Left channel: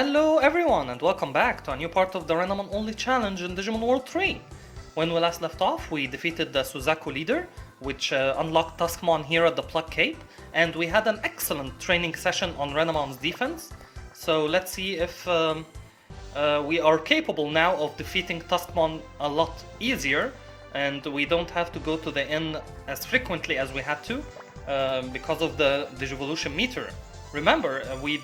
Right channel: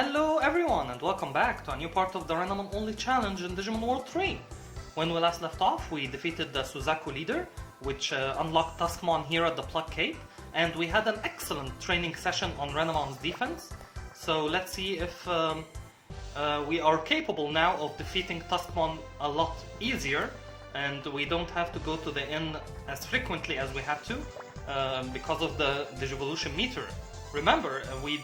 Hello everyone and welcome back to a new part of the Renamon only challenge in Digimon World 3. When we last left off, we defeated the Suzaku leader, which unlocked Tuskmon here at the Plug Cape, and we had an excellent training session on Renamon's defense. So let's see if we are capable now of defeating Tuskmon a lot easier, and we don't have to go to the inn as frequently as we had to because of the Digivolution meter. Remember, we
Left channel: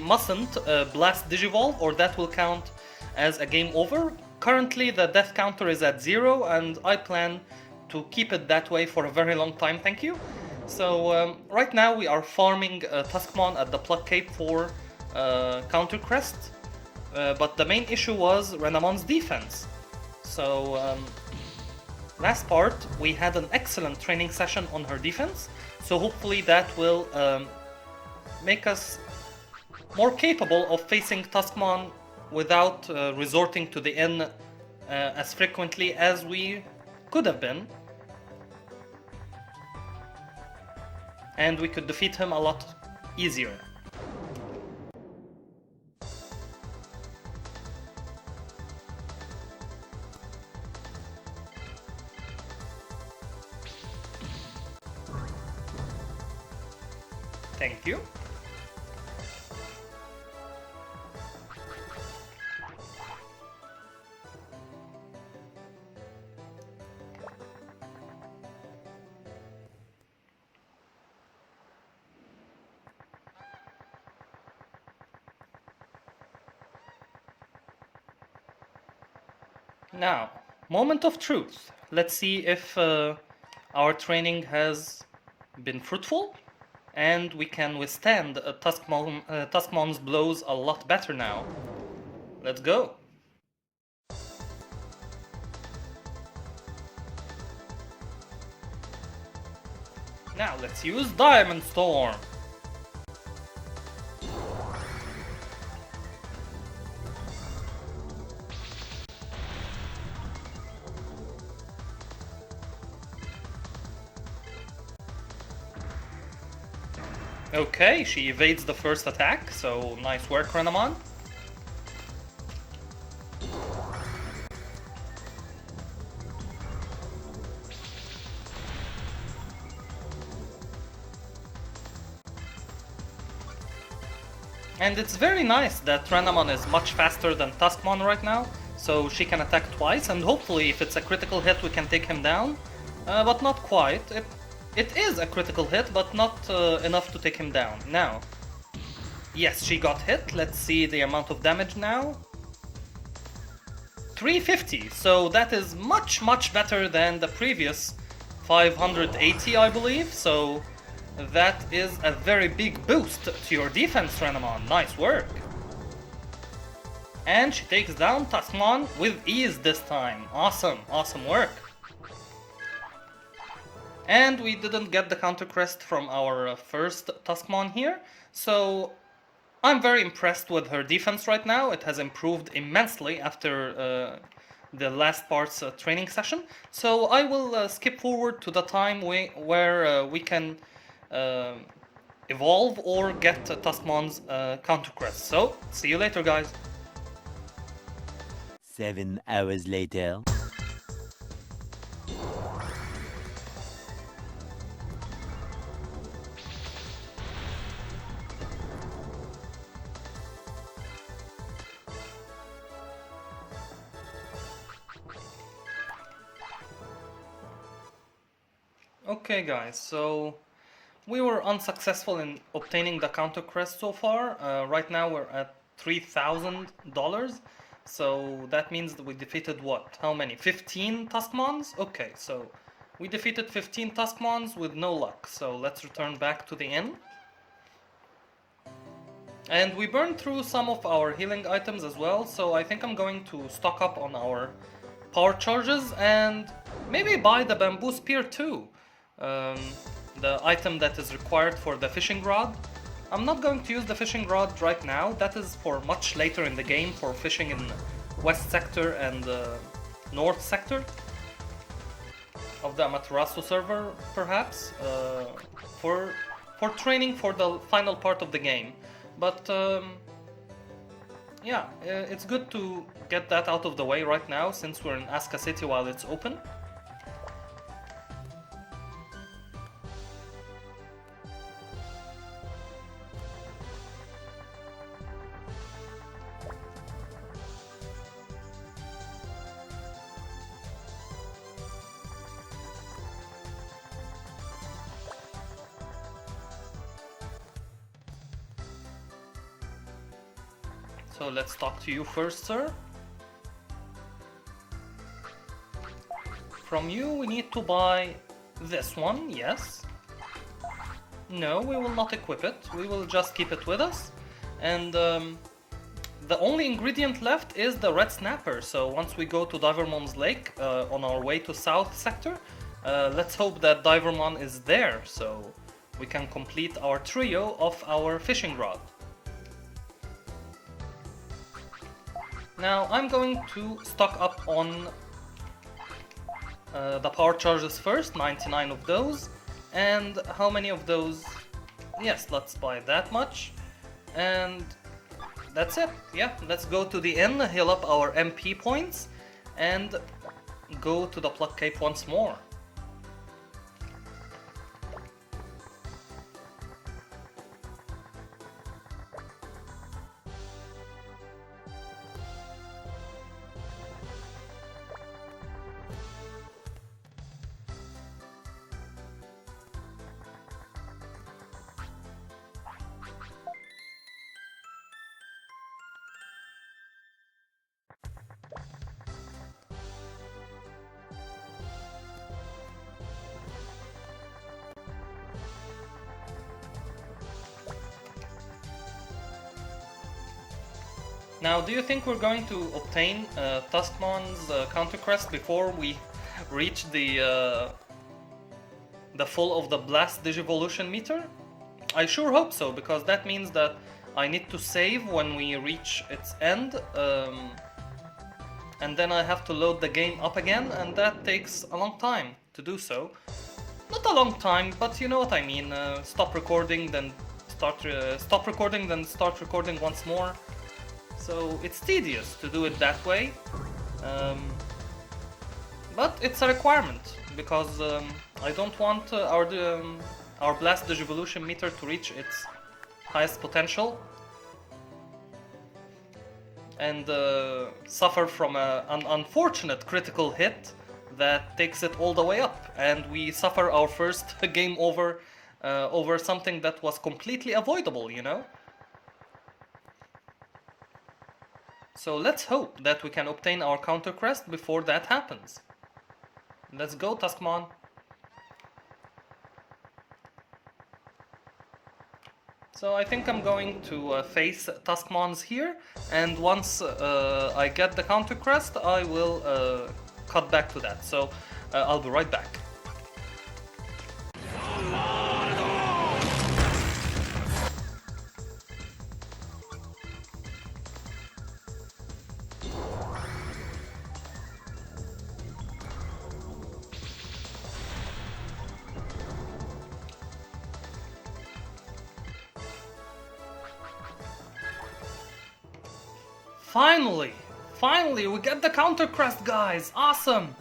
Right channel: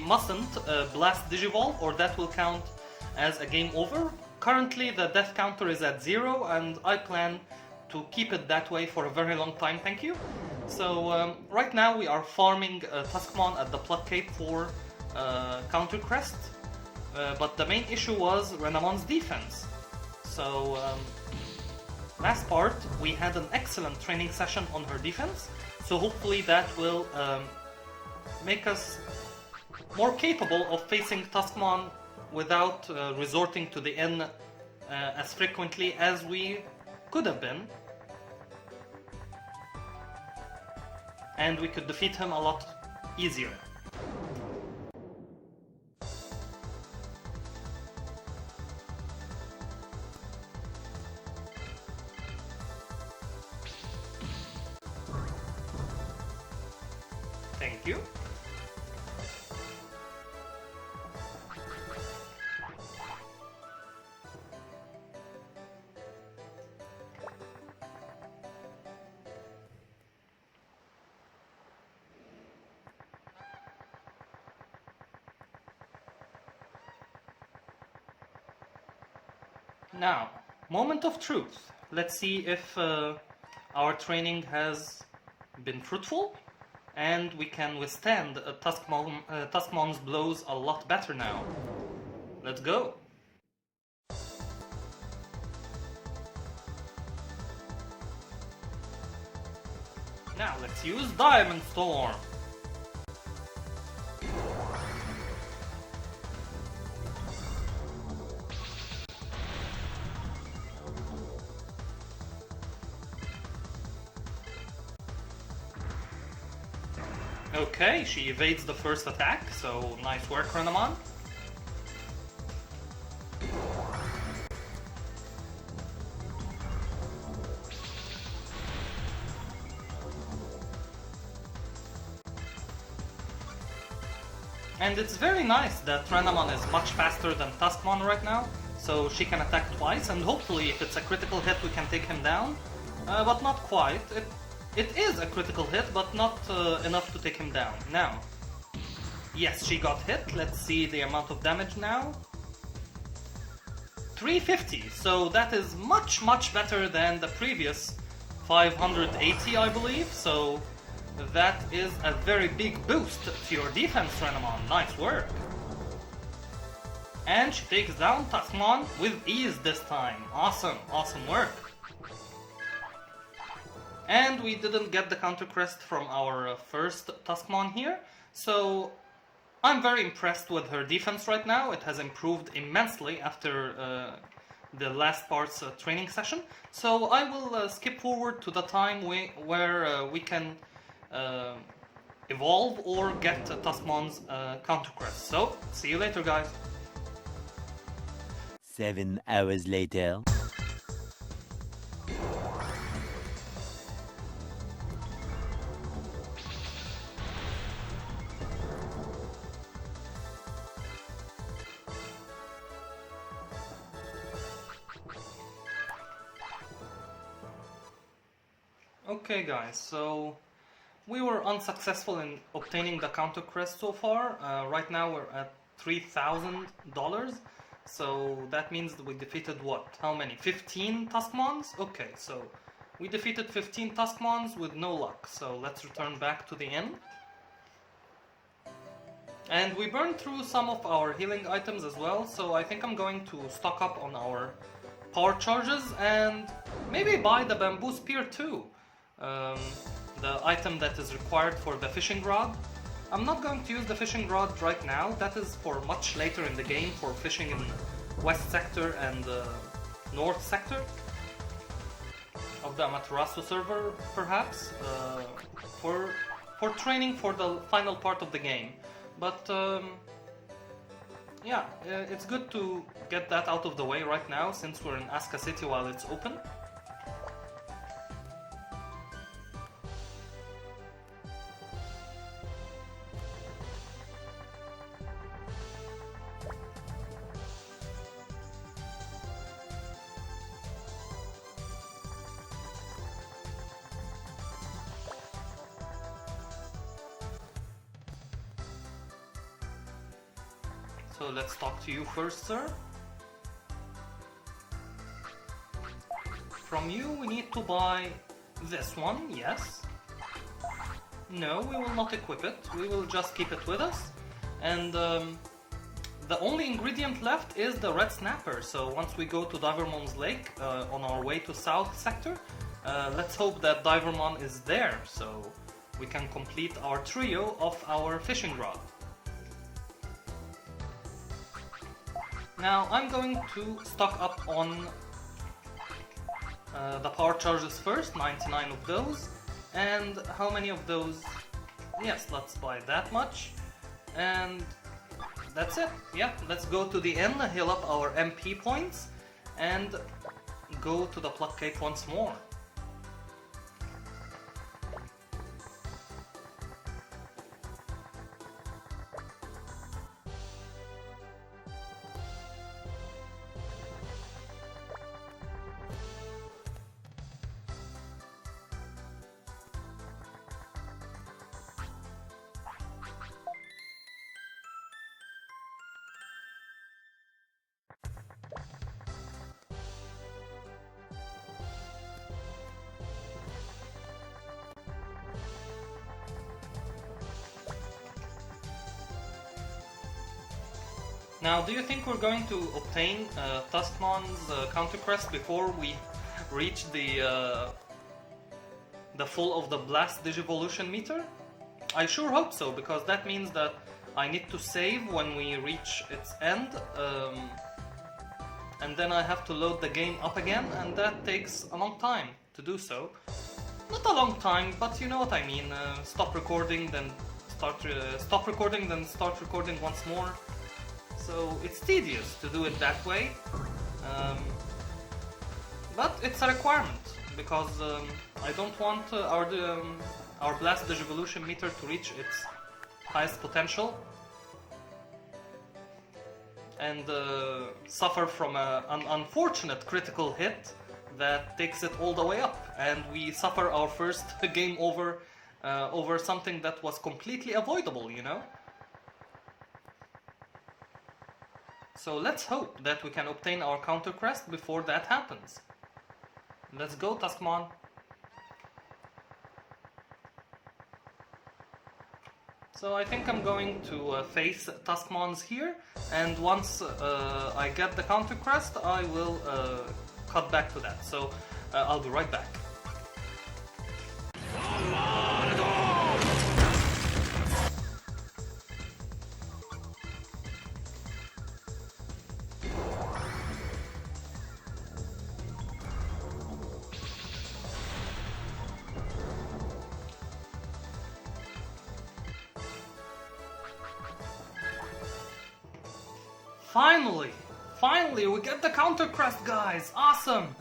mustn't blast Digivolve or that will count as a game over. Currently the death counter is at 0 and I plan to keep it that way for a very long time, thank you. So right now we are farming Tuskmon at the Plug Cape for counter crest, but the main issue was Renamon's defense. So last part we had an excellent training session on her defense, so hopefully that will make us more capable of facing Tuskmon without resorting to the inn as frequently as we could have been. And we could defeat him a lot easier. Thank you. Now, moment of truth. Let's see if our training has been fruitful and we can withstand Tuskmon's blows a lot better now. Let's go. Now let's use Diamond Storm. Okay, she evades the first attack, so nice work, Renamon. And it's very nice that Renamon is much faster than Tuskmon right now, so she can attack twice, and hopefully if it's a critical hit we can take him down, but not quite. It is a critical hit, but not enough to take him down. Now, yes, she got hit. Let's see the amount of damage now. 350, so that is much better than the previous 580, I believe. So that is a very big boost to your defense, Renamon. Nice work. And she takes down Tuskmon with ease this time. Awesome work. And we didn't get the counter crest from our first Tuskmon here, so I'm very impressed with her defense right now. It has improved immensely after the last part's training session. So I will skip forward to the time where we can evolve or get Tuskmon's counter crest. So see you later, guys. 7 hours later. Okay guys, so we were unsuccessful in obtaining the counter crest so far. Right now we're at $3,000, so that means that we defeated what? How many? 15 Tuskmons? Okay, so we defeated 15 Tuskmons with no luck, so let's return back to the inn. And we burned through some of our healing items as well, so I think I'm going to stock up on our power charges and maybe buy the bamboo spear too. The item that is required for the fishing rod. I'm not going to use the fishing rod right now, that is for much later in the game, for fishing in west sector and north sector of the Amaterasu server, perhaps, for training for the final part of the game. But yeah, it's good to get that out of the way right now since we're in Aska City while it's open. So let's talk to you first, sir. From you we need to buy this one, yes. No, we will not equip it, we will just keep it with us. And the only ingredient left is the red snapper, so once we go to Divermon's lake on our way to south sector, let's hope that Divermon is there so we can complete our trio of our fishing rod. Now I'm going to stock up on the power charges first, 99 of those. And how many of those? Yes, let's buy that much. And that's it. Yeah, let's go to the inn, heal up our MP points, and go to the Pluck Cape once more. Now, do you think we're going to obtain Tuskmon's counter crest before we reach the full of the Blast Digivolution meter? I sure hope so, because that means that I need to save when we reach its end, and then I have to load the game up again, and that takes a long time to do so. Not a long time, but you know what I mean. Stop recording, then stop recording, then start recording once more. So it's tedious to do it that way, but it's a requirement because I don't want our Blast Digivolution meter to reach its highest potential and suffer from an unfortunate critical hit that takes it all the way up, and we suffer our first game over over something that was completely avoidable, you know? So let's hope that we can obtain our counter crest before that happens. Let's go, Tuskmon. So I think I'm going to face Tuskmons here, and once I get the counter crest, I will cut back to that. So I'll be right back. Finally, we get the counter crest, guys! Awesome!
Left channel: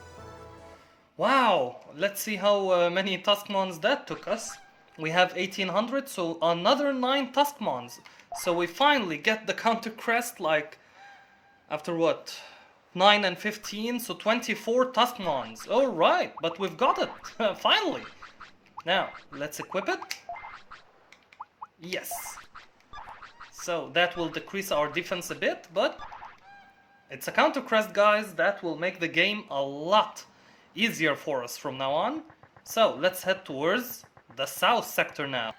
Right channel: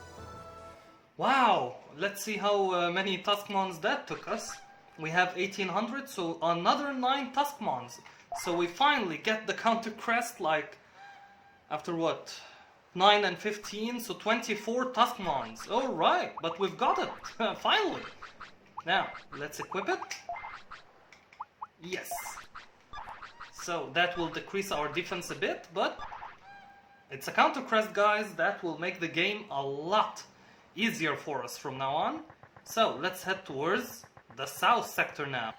Wow, let's see how many Tuskmons that took us. We have 1800, so another 9 Tuskmons. So we finally get the counter crest, like, after what? 9 and 15, so 24 Tuskmons. Alright, but we've got it, finally! Now, let's equip it. Yes. So that will decrease our defense a bit, but it's a counter crest, guys. That will make the game a lot easier for us from now on. So let's head towards the south sector now.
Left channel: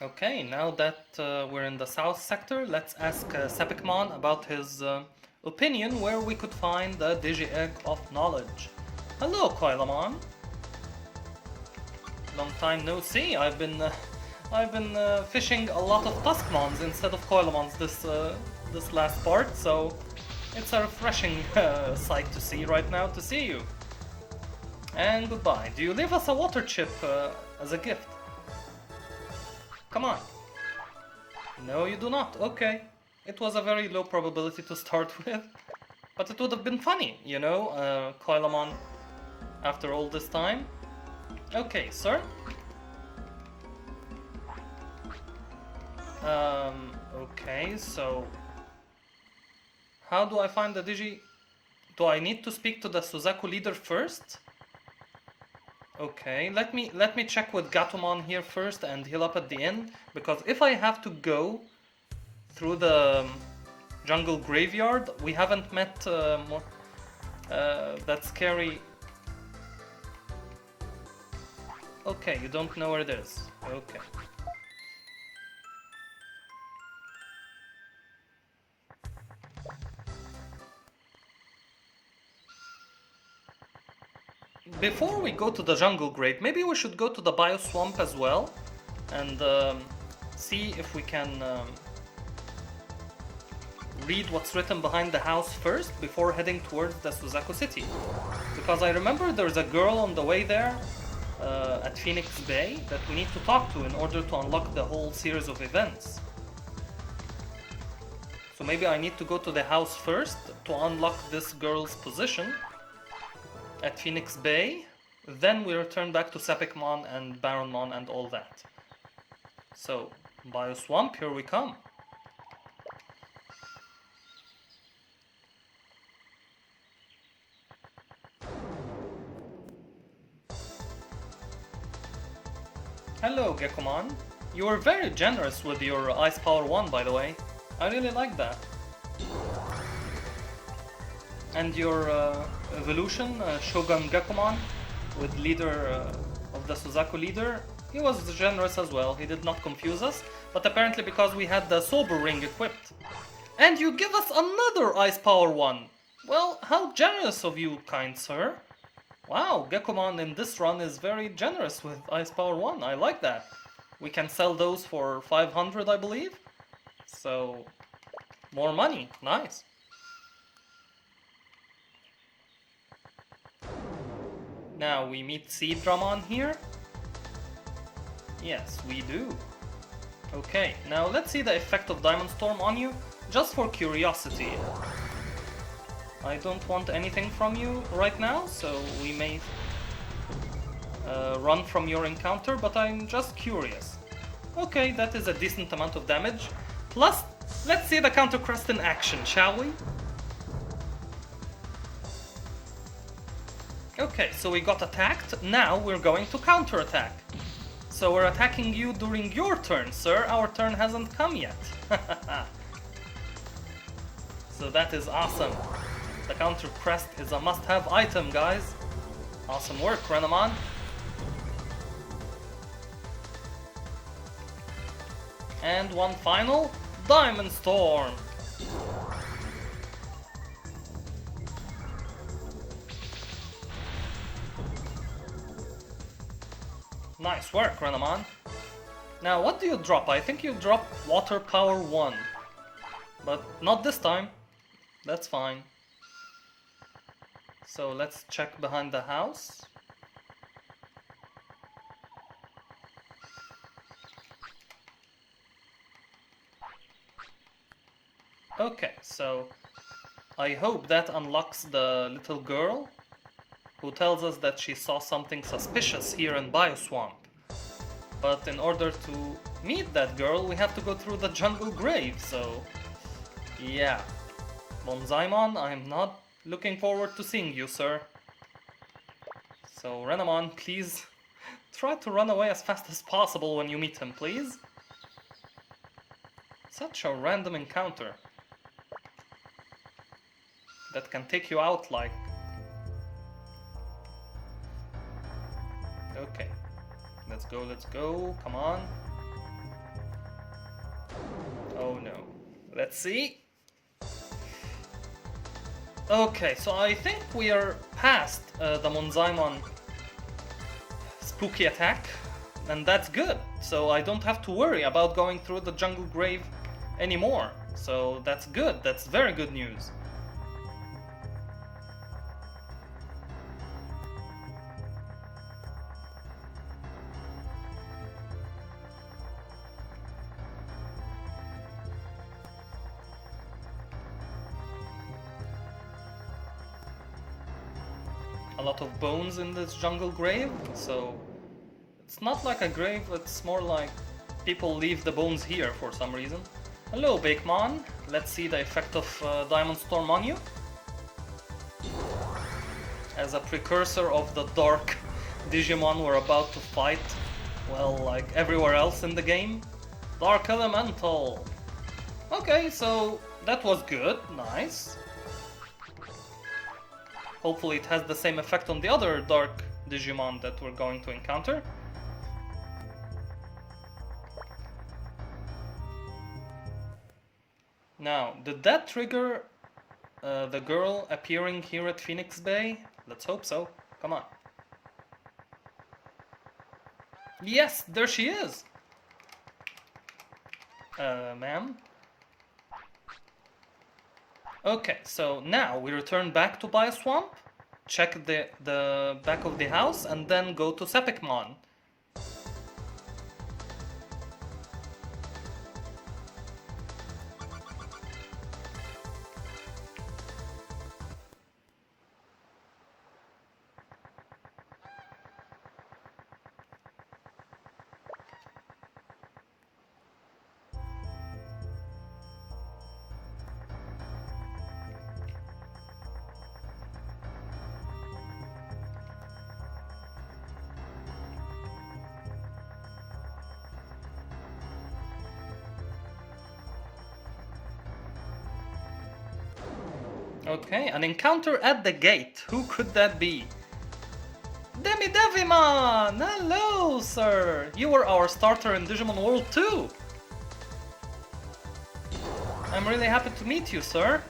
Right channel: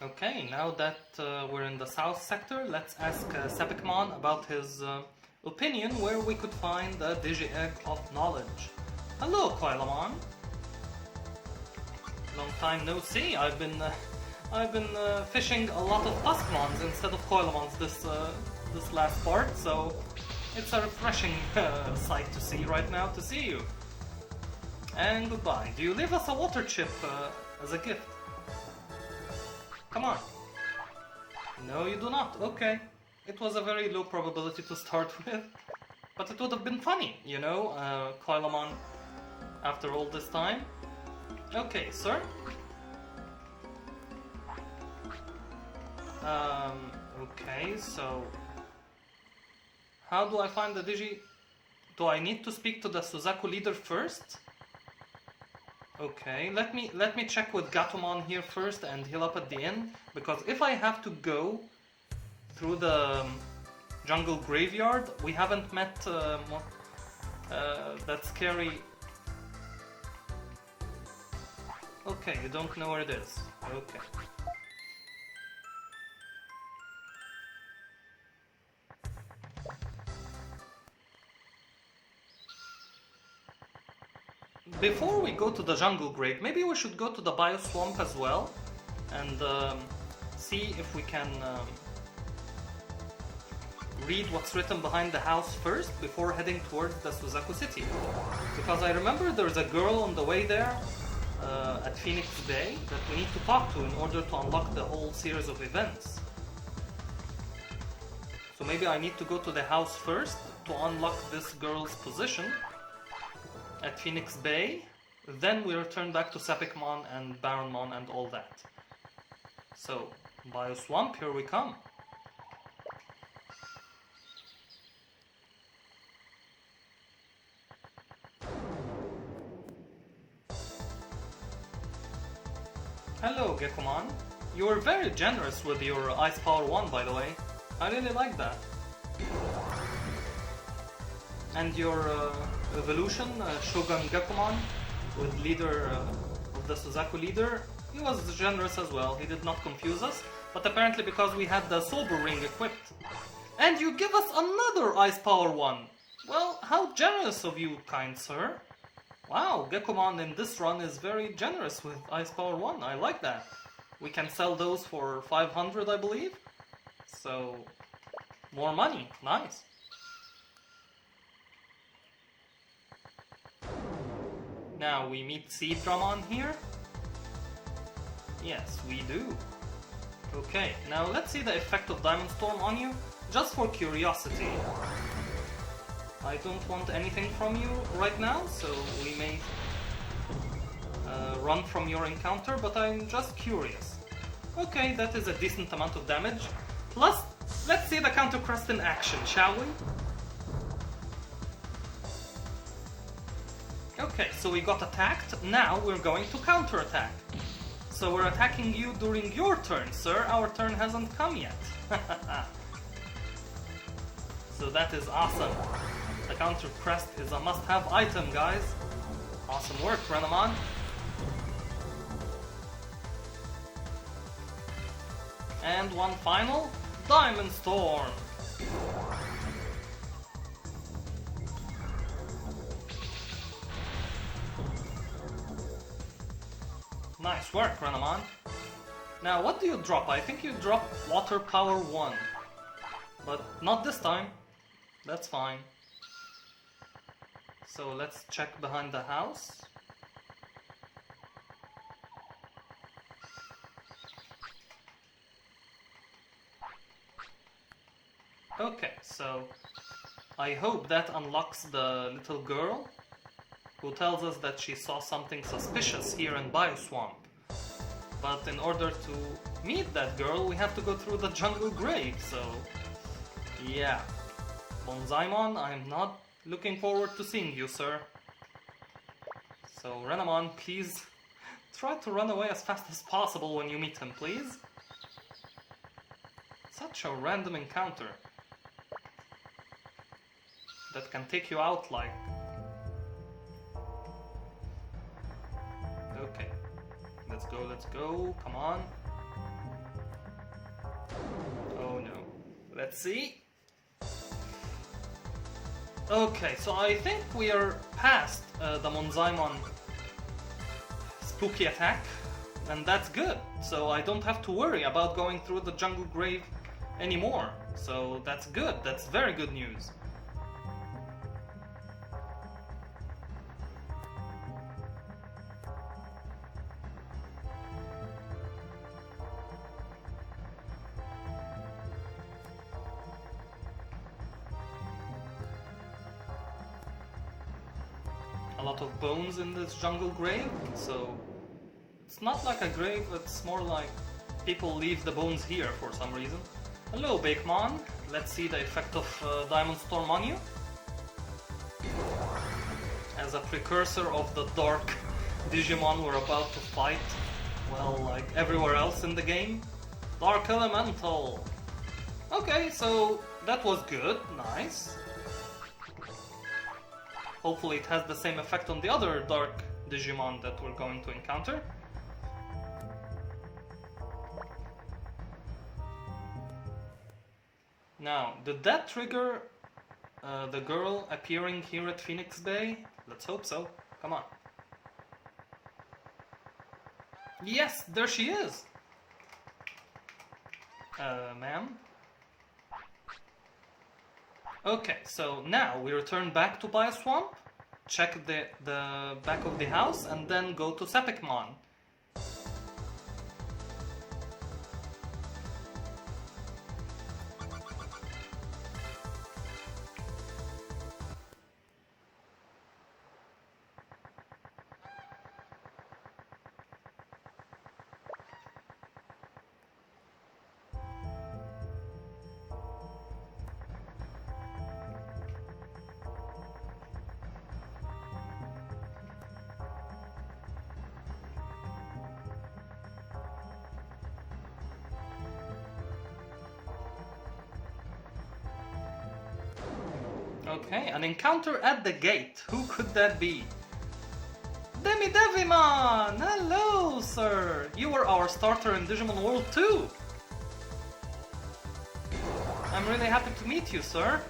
Okay, now that we're in the south sector, let's ask Sepikmon about his opinion where we could find the Digi-Egg of Knowledge. Hello, Pharaohmon. Long time no see. I've been fishing a lot of Tuskmons instead of Pharaohmons this last part, so it's a refreshing sight to see right now to see you. And goodbye. Do you leave us a water chip as a gift? Come on. No, you do not. Okay. It was a very low probability to start with. But it would have been funny, you know, Pharaohmon after all this time. Okay, sir. Okay, so... How do I find the Digi... Do I need to speak to the Suzaku leader first? Okay, let me check with Gatomon here first and heal up at the end, because if I have to go through the jungle graveyard, we haven't met that scary... Okay, you don't know where it is. Okay. Before we go to the jungle grave, maybe we should go to the bio swamp as well and see if we can read what's written behind the house first before heading towards the Suzaku city. Because I remember there's a girl on the way there at Phoenix Bay that we need to talk to in order to unlock the whole series of events. So maybe I need to go to the house first to unlock this girl's position at Phoenix Bay, then we return back to Sepikmon and Baronmon and all that. So, Bio Swamp, here we come. Hello, Gekomon. You were very generous with your Ice Power 1, by the way. I really like that. And your evolution, Shogun Gekomon, with leader of the Suzaku leader, he was generous as well. He did not confuse us, but apparently because we had the Sober Ring equipped. And you give us another Ice Power 1! Well, how generous of you, kind sir. Wow, Gekomon in this run is very generous with Ice Power 1. I like that. We can sell those for 500, I believe. So, more money. Nice. Now we meet Seedramon here. Yes, we do. Okay, now let's see the effect of Diamond Storm on you, just for curiosity. I don't want anything from you right now, so we may run from your encounter, but I'm just curious. Okay, that is a decent amount of damage. Plus, let's see the Counter Crest in action, shall we? Okay, so we got attacked, now we're going to counterattack. So we're attacking you during your turn, sir. Our turn hasn't come yet. So that is awesome. The Counter Crest is a must-have item, guys. Awesome work, Renamon. And one final, Diamond Storm. Nice work, Renamon. Now, what do you drop? I think you drop Water Power 1. But not this time. That's fine. So let's check behind the house. Okay, so I hope that unlocks the little girl who tells us that she saw something suspicious here in Bioswamp. But in order to meet that girl, we have to go through the jungle grave, so yeah. Bonzaimon, I'm not looking forward to seeing you, sir. So Renamon, please try to run away as fast as possible when you meet him, please. Such a random encounter that can take you out like... Okay, let's go, come on. Oh no, let's see. Okay, so I think we are past the Monzaimon spooky attack, and that's good. So I don't have to worry about going through the jungle grave anymore. So that's good, that's very good news. a lot of bones in this jungle grave, so it's not like a grave, it's more like people leave the bones here for some reason. Hello, Baronmon. Let's see the effect of Diamond Storm on you. As a precursor of the dark Digimon we're about to fight, well, like everywhere else in the game. Dark Elemental. Okay, so that was good, nice. Hopefully it has the same effect on the other dark Digimon that we're going to encounter. Now, did that trigger the girl appearing here at Phoenix Bay? Let's hope so. Come on. Yes, there she is! Ma'am? Okay, so now we return back to Bioswamp, check the back of the house, and then go to Sepikmon. Okay, an encounter at the gate. Who could that be? DMW3! Hello, sir! You were our starter in Digimon World too! I'm really happy to meet you, sir.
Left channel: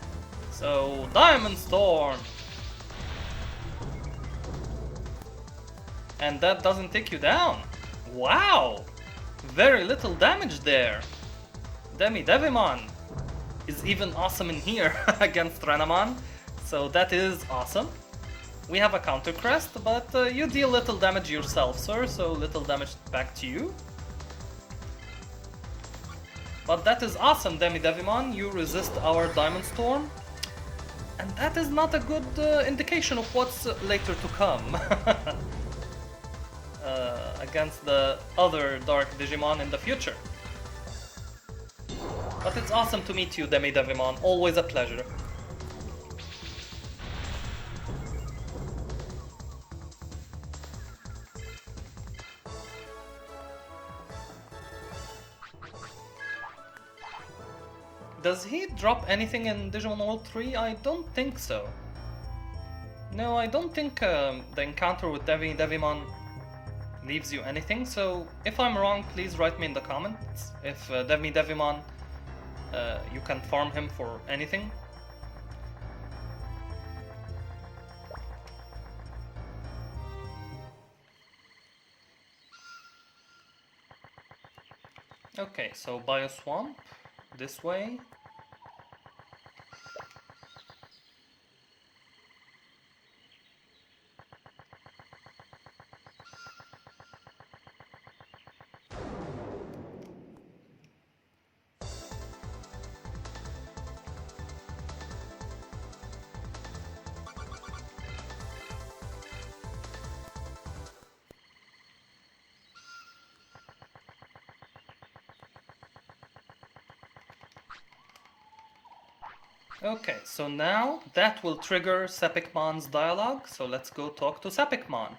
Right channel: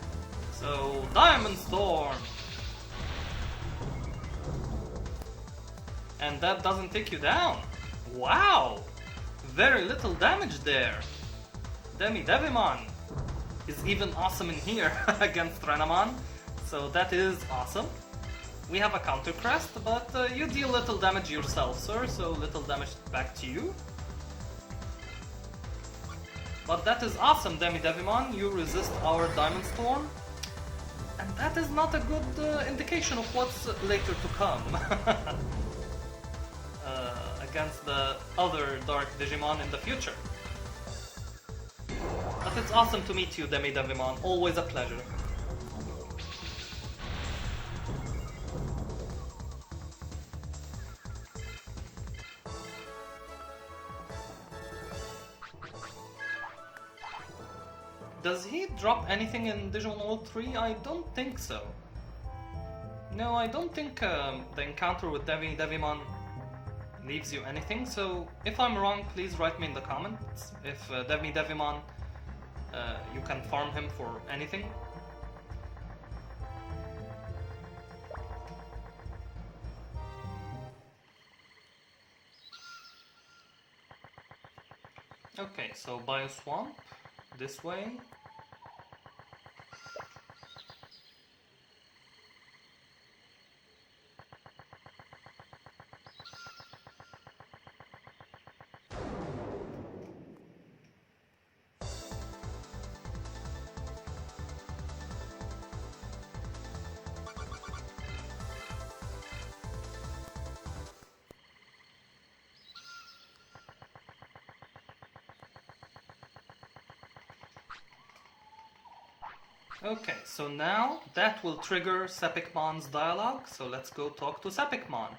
So, Diamond Storm! And that doesn't take you down. Wow! Very little damage there. DMW3 is even awesome in here against Renamon, so that is awesome. We have a counter crest, but you deal little damage yourself, sir, so little damage back to you. But that is awesome, DMW3, you resist our Diamond Storm. And that is not a good indication of what's later to come. Against the other Dark Digimon in the future. But it's awesome to meet you, DMW3, always a pleasure. Does he drop anything in Digimon World 3? I don't think so. No, I don't think the encounter with DMW3 leaves you anything, so if I'm wrong, please write me in the comments if DMW3 you can farm him for anything. Okay, so Bioswamp, this way. Okay, so now that will trigger Sepikmon's dialogue, so let's go talk to Sepikmon.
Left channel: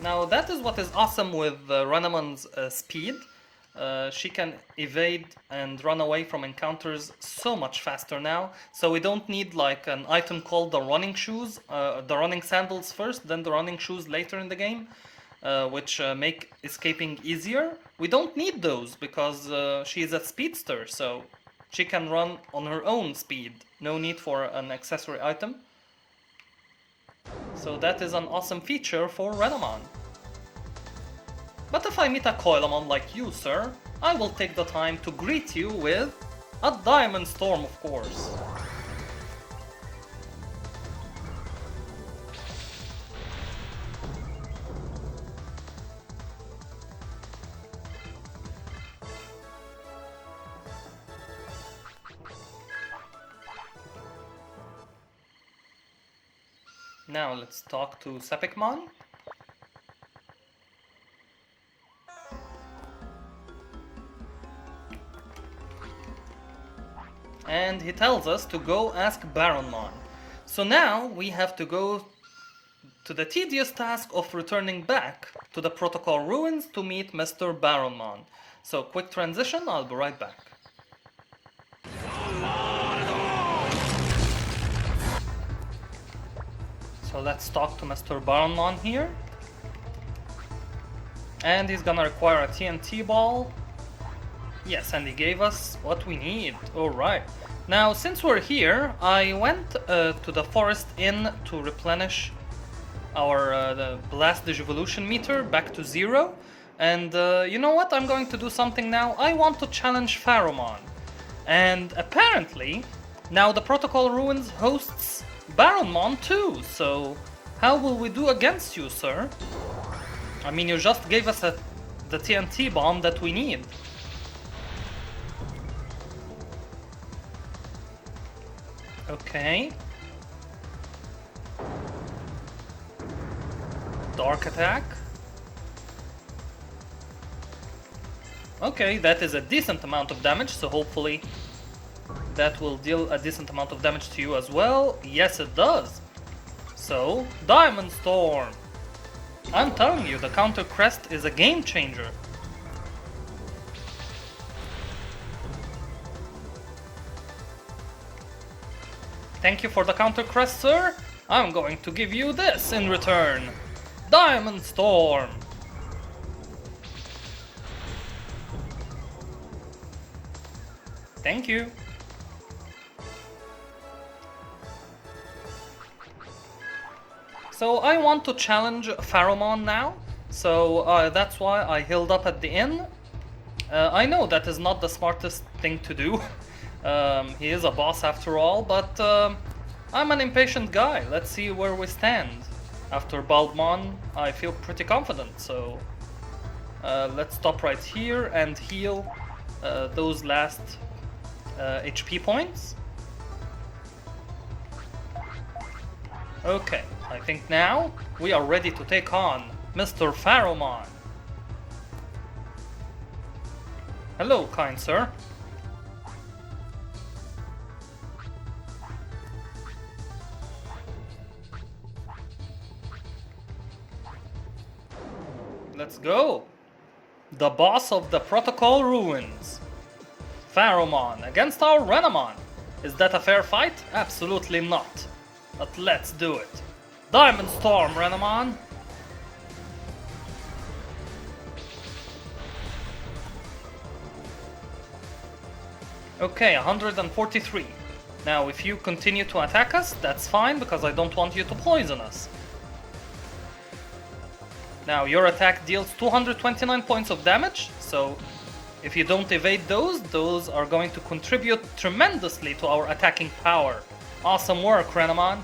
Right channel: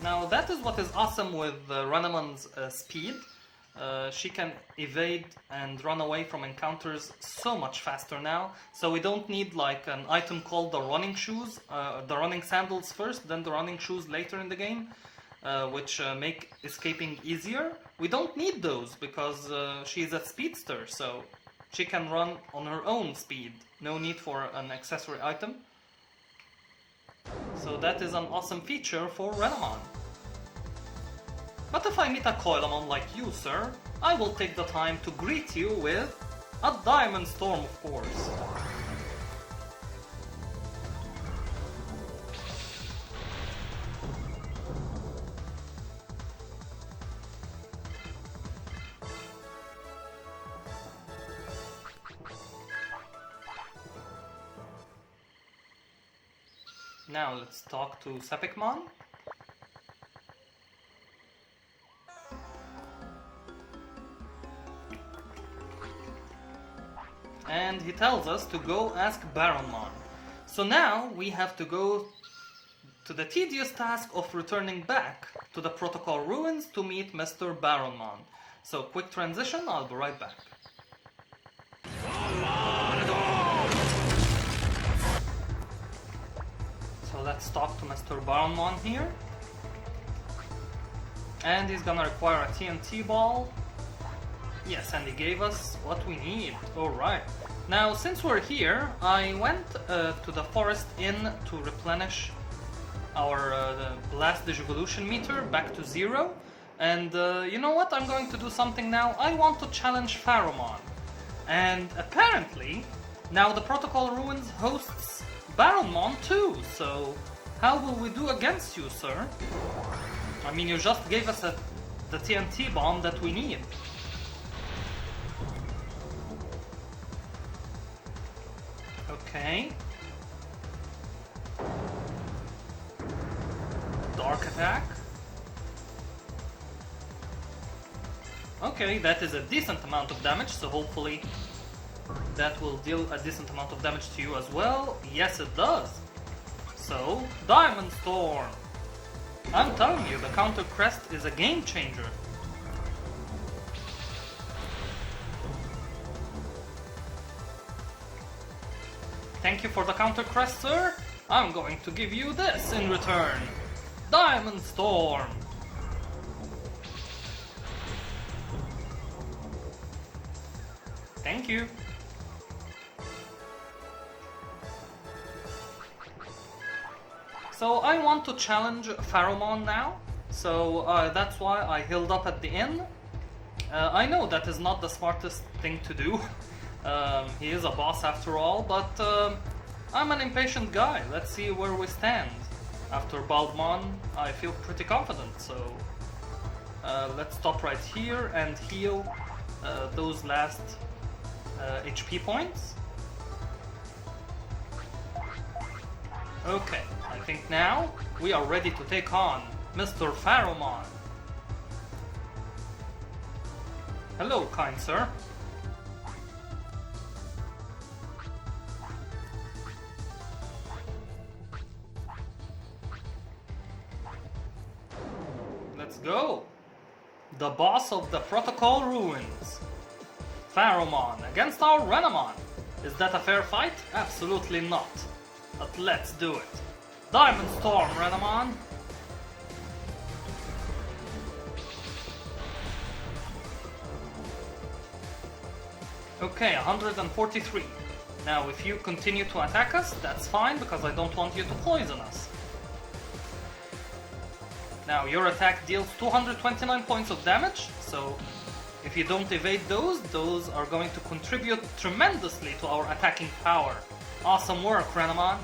Now that is what is awesome with Renamon's speed. She can evade and run away from encounters so much faster now, so we don't need like an item called the running shoes, the running sandals first, then the running shoes later in the game, which make escaping easier. We don't need those because she is a speedster, so she can run on her own speed, no need for an accessory item. So that is an awesome feature for Renamon. But if I meet a Coilamon like you, sir, I will take the time to greet you with a Diamond Storm, of course. Now let's talk to Sepikmon. And he tells us to go ask Baronmon. So now we have to go to the tedious task of returning back to the Protocol Ruins to meet Mr. Baronmon. So quick transition, I'll be right back. So let's talk to Mr. Baronmon here. And he's gonna require a TNT ball. Yes, and he gave us what we need. Alright. Now, since we're here, I went to the Forest Inn to replenish our the Blast Digivolution meter back to 0. And you know what? I'm going to do something now. I want to challenge Pharaohmon. And apparently, now the Protocol Ruins hosts Baronmon too. So, how will we do against you, sir? I mean, you just gave us the TNT bomb that we need. Okay. Dark attack. Okay, that is a decent amount of damage, so hopefully that will deal a decent amount of damage to you as well. Yes, it does. So, Diamond Storm. I'm telling you, the Counter Crest is a game changer. Thank you for the Counter Crest, sir. I'm going to give you this in return. Diamond Storm. Thank you. So I want to challenge Pharaohmon now. So that's why I healed up at the inn. I know that is not the smartest thing to do. He is a boss after all, but I'm an impatient guy. Let's see where we stand. After Baldmon, I feel pretty confident, so let's stop right here and heal those last HP points. Okay, I think now we are ready to take on Mr. Pharaohmon. Hello, kind sir. Let's go! The boss of the Protocol Ruins. Pharaohmon against our Renamon. Is that a fair fight? Absolutely not. But let's do it. Diamond Storm, Renamon. Okay, 143. Now, if you continue to attack us, that's fine, because I don't want you to poison us. Now, your attack deals 229 points of damage, so if you don't evade those are going to contribute tremendously to our attacking power. Awesome work, Renamon.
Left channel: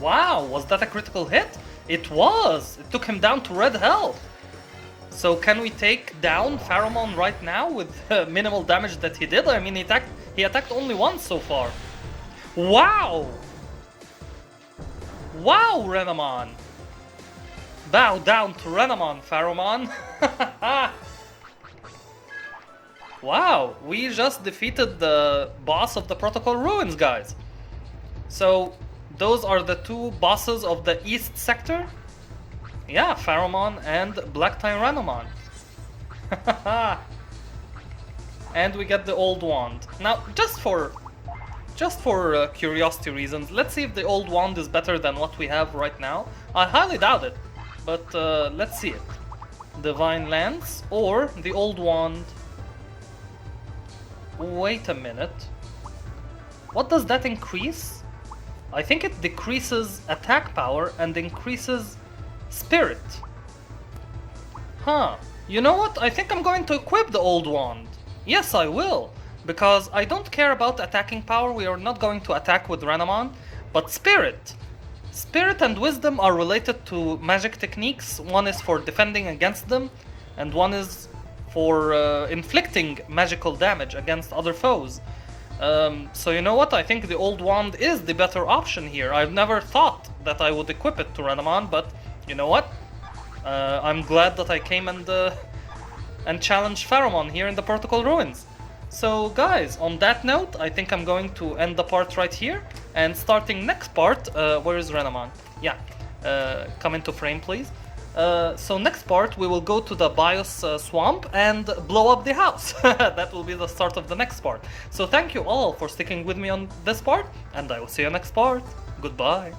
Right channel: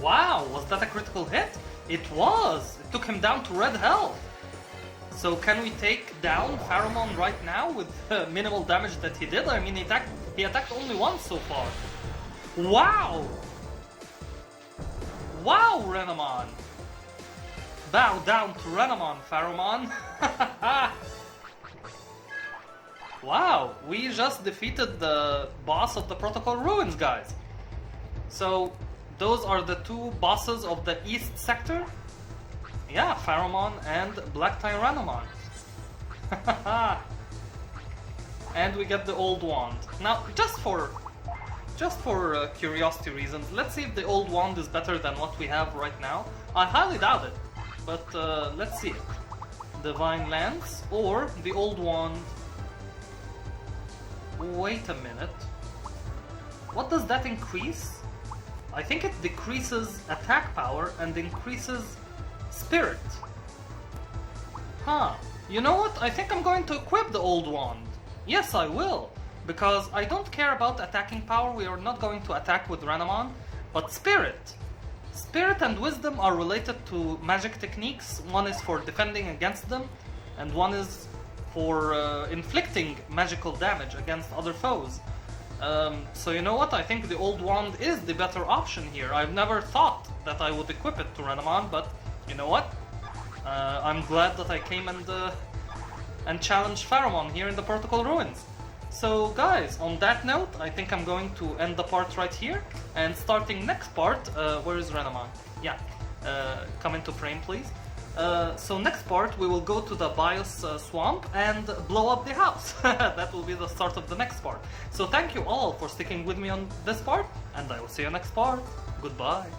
Wow, was that a critical hit? It was! It took him down to red health. So can we take down Pharaohmon right now with the minimal damage that he did? I mean, he attacked only once so far. Wow! Wow, Renamon! Bow down to Renamon, Pharaohmon. Wow, we just defeated the boss of the Protocol Ruins, guys. So, those are the two bosses of the East Sector. Yeah, Pharaohmon and Black Renamon. And we get the old wand. Now, just for curiosity reasons, let's see if the old wand is better than what we have right now. I highly doubt it, but let's see it. Divine Lance or the old wand. Wait a minute. What does that increase? I think it decreases attack power and increases spirit. Huh. You know what? I think I'm going to equip the old wand. Yes, I will. Because I don't care about attacking power. We are not going to attack with Renamon. But spirit. Spirit and wisdom are related to magic techniques. One is for defending against them, and one is for inflicting magical damage against other foes. So you know what, I think the old wand is the better option here. I've never thought that I would equip it to Renamon, but you know what? I'm glad that I came and challenged Pharaohmon here in the Protocol Ruins. So guys, on that note, I think I'm going to end the part right here, and starting next part, where is Renamon? Yeah, come into frame please. So next part we will go to the BIOS swamp and blow up the house. That will be the start of the next part. So thank you all for sticking with me on this part, and I will see you next part. Goodbye.